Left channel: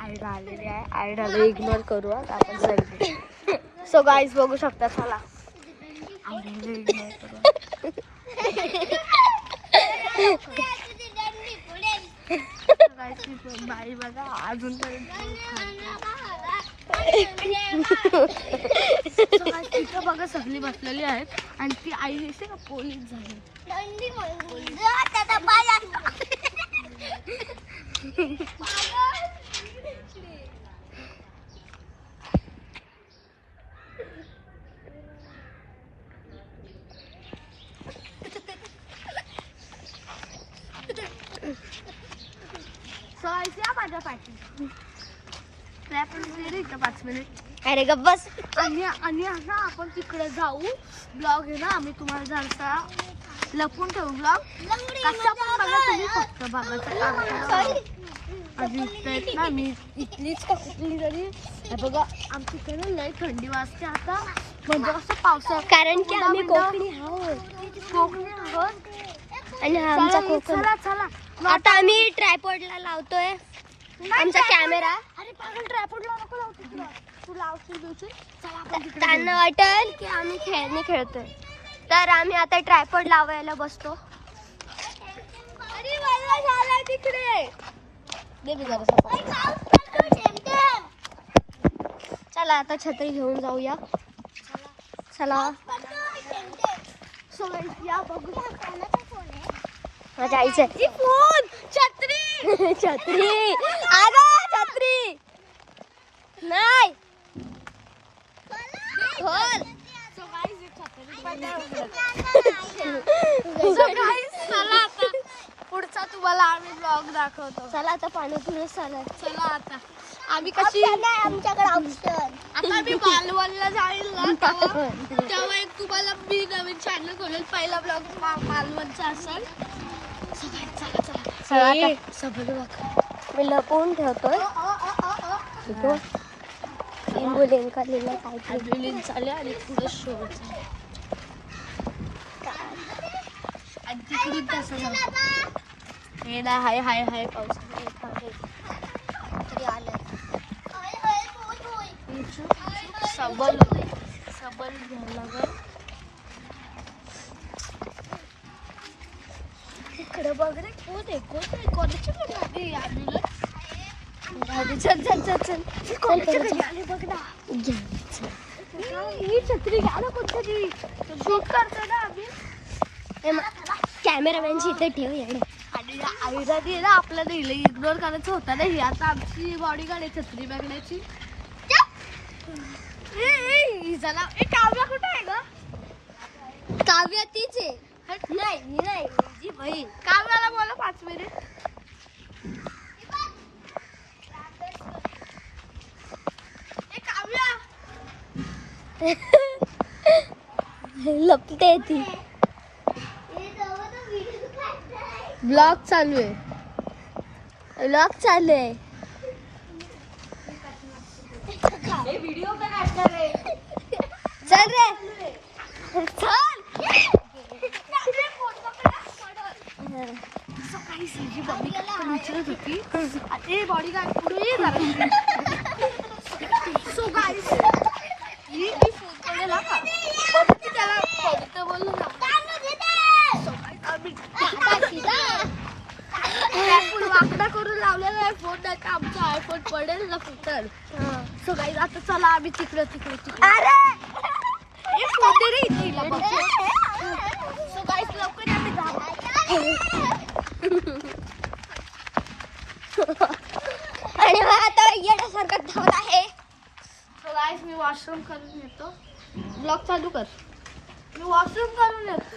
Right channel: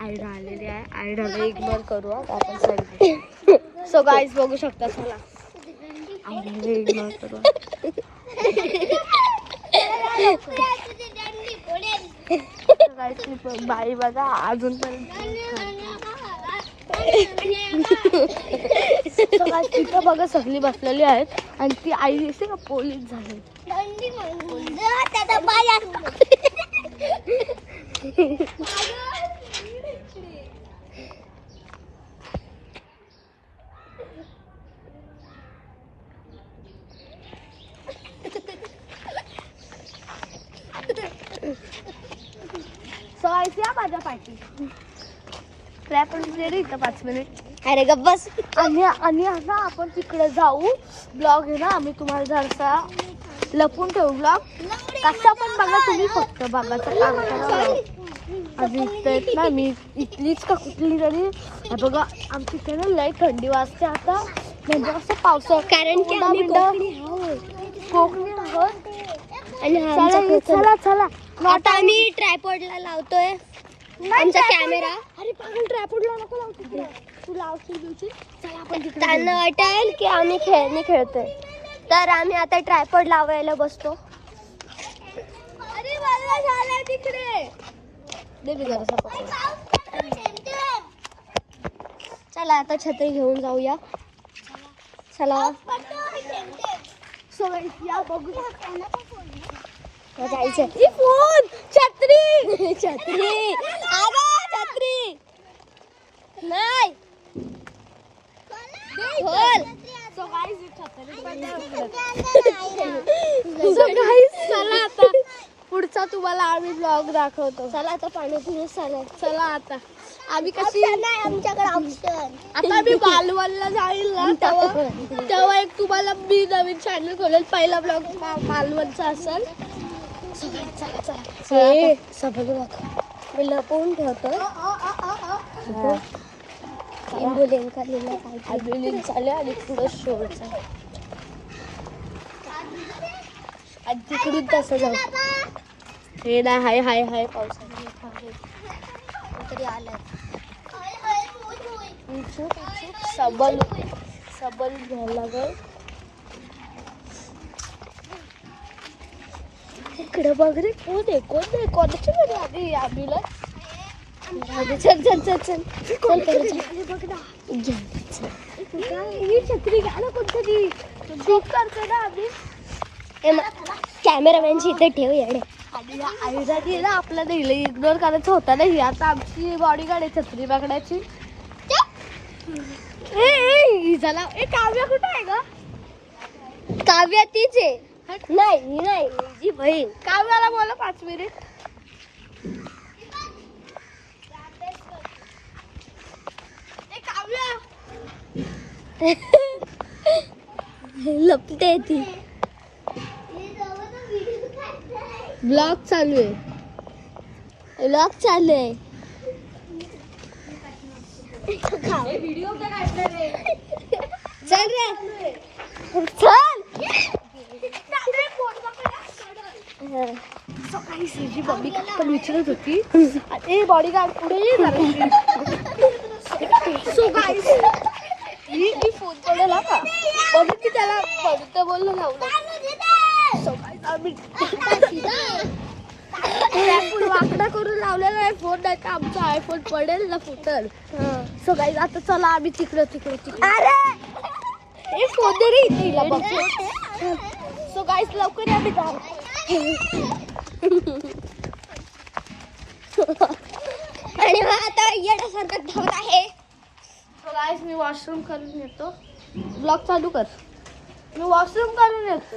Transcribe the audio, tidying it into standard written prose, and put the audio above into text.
Ida आलेली आहे. आयडाला ignore करूया आपण सगळे. सो गाईज बघू शकता. चला आयडाला इग्नोर करू. बाई बघा अजूनपर्यंत तिथं बघा सगळी बसलेली आहेत आणि ती आई दिसते का पोलीस झाली. माझ्या पाठी इथं 5 मिनिट. अरे गप्प बस. आणि आता आपण तिकडे जाऊ. ब्लॉग आहे ना आम्ही तुम्हाला जरसा लपून ठेवू. ब्लॉग कसा पण बघा तुम्ही. फक्त बघायचं काम करा. अजून इथं ना मी इथलीच का कुठली तरी बघा आमची इथे ना लय थंडी वाजते आता. म्हणजे असं पावसाळा कारण की आम्ही कोकणी आहोत. आणि चला चला आता आम्ही ट्रायपॉडला लावतोय आमचा कॅमेरा. अरे पागल ट्रायपॉडला नको लावतो. तू लावशील बिवशील. चला आपण त्यांना वाटेल की आम्ही खेळणी खेळतोय तर आम्ही आता ट्रायपॉड लावायला बसतो. अरे मला झाला तिकडे दे मी जरा. चला आता छत्री घेऊन जाऊया. चला सो या बघू माझ्या आईचं फोन छत्री छत्री अगं छत्री नाही खोल. सो गाईस चला आता पुढचा तुम्हाला आम्ही ब्लॉग दाखवतो. चला आता पाणीपुरी चालेल. चला आता आम्ही कशी आमच्याकडे आता मी मालवणला जाईल ना तेव्हा एक तुम्हाला मी नवीन चॅनल खोलेल. पहिला ब्लॉग मालवणचा असेल. मी लपवून ठेवतोय. आणि पुढं शोचा आणि तिकडून तसं जाऊ. हे नाही हाय हाय हाय पावसाळ्यात तरी आलं. सबल सबल घ्यायला लागेल. इकडे बघ रे कोण आहे कोणाची गाडी आली. ॲम्ब्युलन्स. चल चल चल चल बघ ना. ही छत्री घ्या ना कोणतरी. शूट करतो ना आम्ही. कॅमेरामॅनची इथे ठेव येडे. आणि ना आपल्याला इग्नोर करायचं होतं ना. ही आता आमची बॉडीगार्ड आहे छत्री पकडायची. झाला. काव्या कुठं आहे ग. काव्या तीच आहे. नाही नाही जी बहीण. काव्याला बोला 5 मिनिट. काव्या लपते ती. ब्लॉग चालू आहे. व्हिडिओ का काढणार आहे. चल रे चल. सकाळी मम्मी पण विचारत होती ते बॉडीगार्ड पुढे ये जरा. सो गाईस मी फोन केलेला का बघित की त्याला बघितलं बोललं लावलं. आम्ही वाकडा करून लावलेला आहे फोन. नाही तर आमचा आयफोन पडेल ना फुटल. सो गाईस आता चला आम्ही तिकडे फोन दे रे तिला बघ. सो गाईस लवकर आम्ही जाऊ. आणि आता येण्यासारखं धावत आहे. सो गाईस मी वॉशरूम करून येतो. ब्लॉग चालू कर. मी वॉशरूम करून येतो.